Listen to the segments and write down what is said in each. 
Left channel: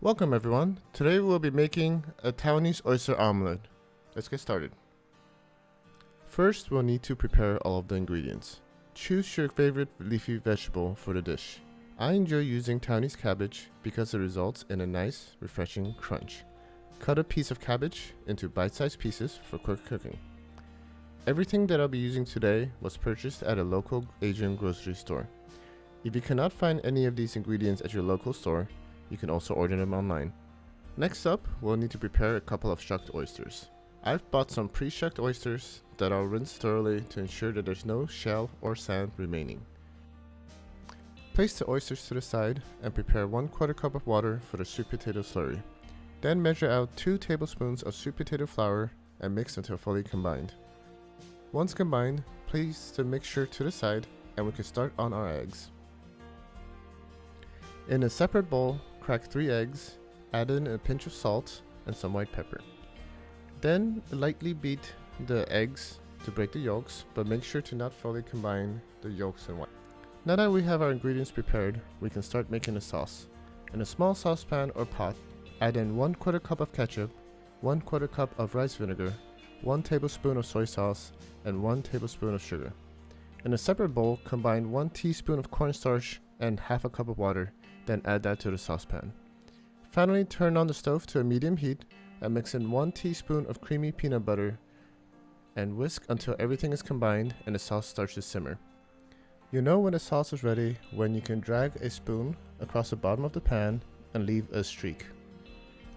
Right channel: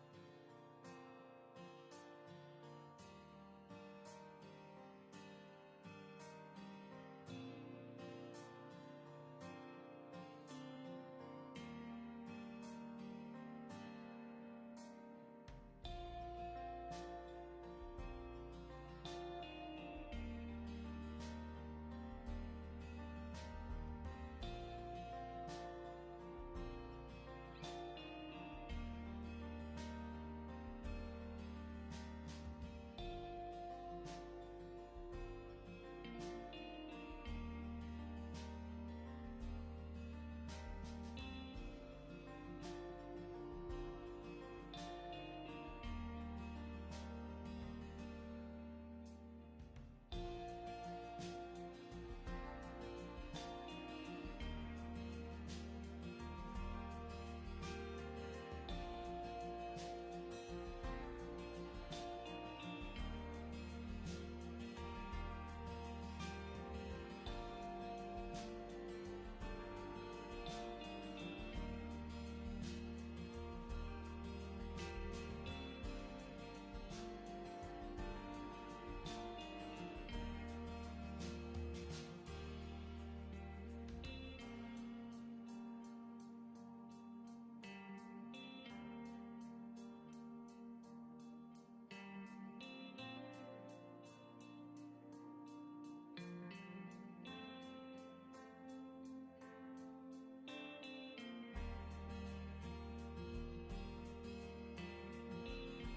Welcome everyone. Today we'll be making a Taiwanese oyster omelette. Let's get started. First, we'll need to prepare all of the ingredients. Choose your favorite leafy vegetable for the dish. I enjoy using Taiwanese cabbage because it results in a nice, refreshing crunch. Cut a piece of cabbage into bite-sized pieces for quick cooking. Everything that I'll be using today was purchased at a local Asian grocery store. If you cannot find any of these ingredients at your local store, you can also order them online. Next up, we'll need to prepare a couple of shucked oysters. I've bought some pre-shucked oysters that I'll rinse thoroughly to ensure that there's no shell or sand remaining. Place the oysters to the side and prepare 1/4 cup of water for the sweet potato slurry. Then measure out 2 tablespoons of sweet potato flour and mix until fully combined. Once combined, place the mixture to the side and we can start on our eggs. In a separate bowl, crack 3 eggs, add in a pinch of salt and some white pepper. Then lightly beat the eggs to break the yolks, but make sure to not fully combine the yolks and white. Now that we have our ingredients prepared, we can start making the sauce. In a small saucepan or pot, add in 1/4 cup of ketchup, 1/4 cup of rice vinegar, 1 tablespoon of soy sauce, and 1 tablespoon of sugar. In a separate bowl, combine 1 teaspoon of cornstarch and half a cup of water, then add that to the saucepan. Finally, turn on the stove to a medium heat and mix in 1 teaspoon of creamy peanut butter and whisk until everything is combined and the sauce starts to simmer. You know when the sauce is ready when you can drag a spoon across the bottom of the pan and leave a streak.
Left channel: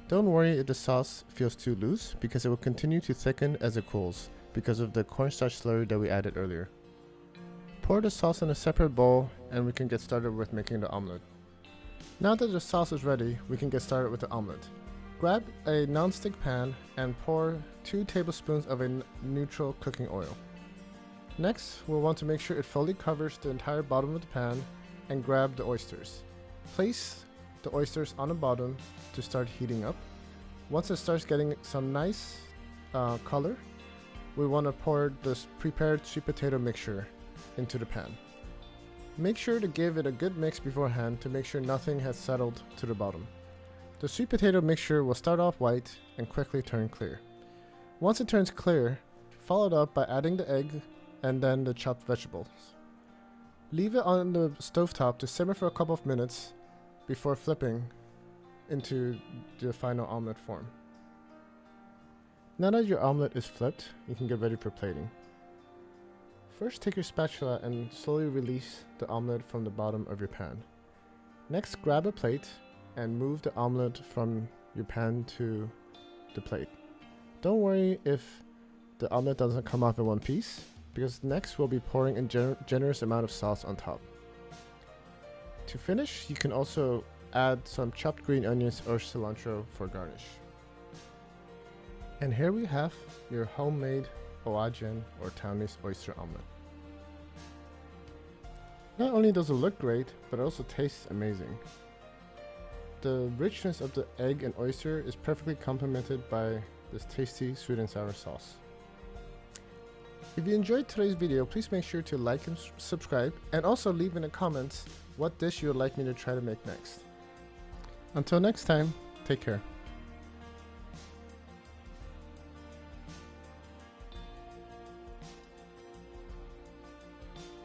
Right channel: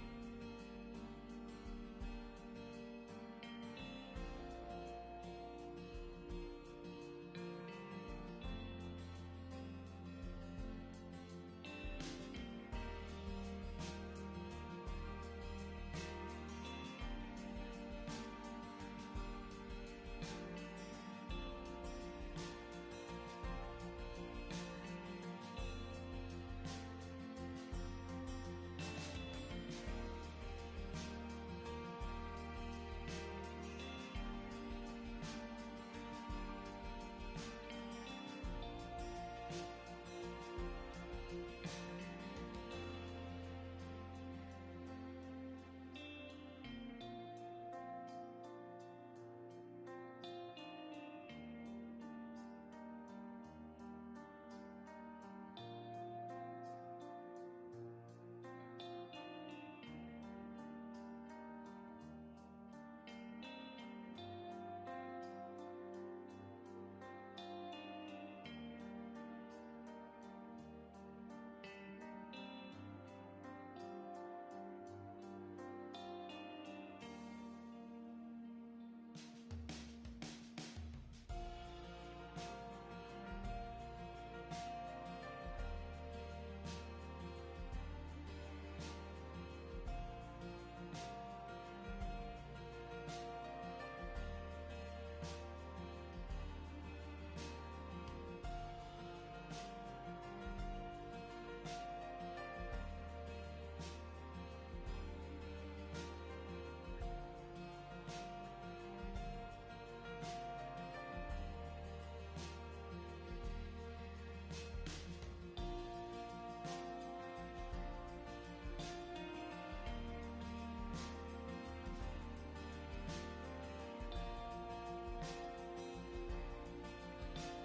Don't worry if the sauce feels too loose because it will continue to thicken as it cools because of the cornstarch slurry that we added earlier. Pour the sauce in a separate bowl and we can get started with making the omelette. Now that the sauce is ready, we can get started with the omelette. Grab a non-stick pan and pour 2 tablespoons of a neutral cooking oil. Next, we'll want to make sure it fully covers the entire bottom of the pan and grab the oysters. Place the oysters on the bottom to start heating up. Once it starts getting some nice color, we want to pour this prepared sweet potato mixture into the pan. Make sure to give it a good mix beforehand to make sure nothing has settled to the bottom. The sweet potato mixture will start off white and quickly turn clear. Once it turns clear, follow it up by adding the egg and then the chopped vegetables. Leave it on the stovetop to simmer for a couple of minutes before flipping into the final omelette form. Now that your omelette is flipped, you can get ready for plating. First, take your spatula and slowly release the omelette from the bottom of your pan. Next, grab a plate and move the omelette from your pan to the plate. Don't worry if the omelette doesn't come off in one piece, because next we'll be pouring a generous amount of sauce on top. To finish, you can also add some chopped green onions or cilantro for garnish. And here we have your homemade Oajian or Taiwanese oyster omelette. Not only does it look great, but it also tastes amazing. The richness of the egg and oyster is perfectly complemented by this tasty sweet and sour sauce. If you enjoyed today's video, please make sure to like and subscribe, and also leave in the comments what dish you would like me to try to make next. Until next time, take care.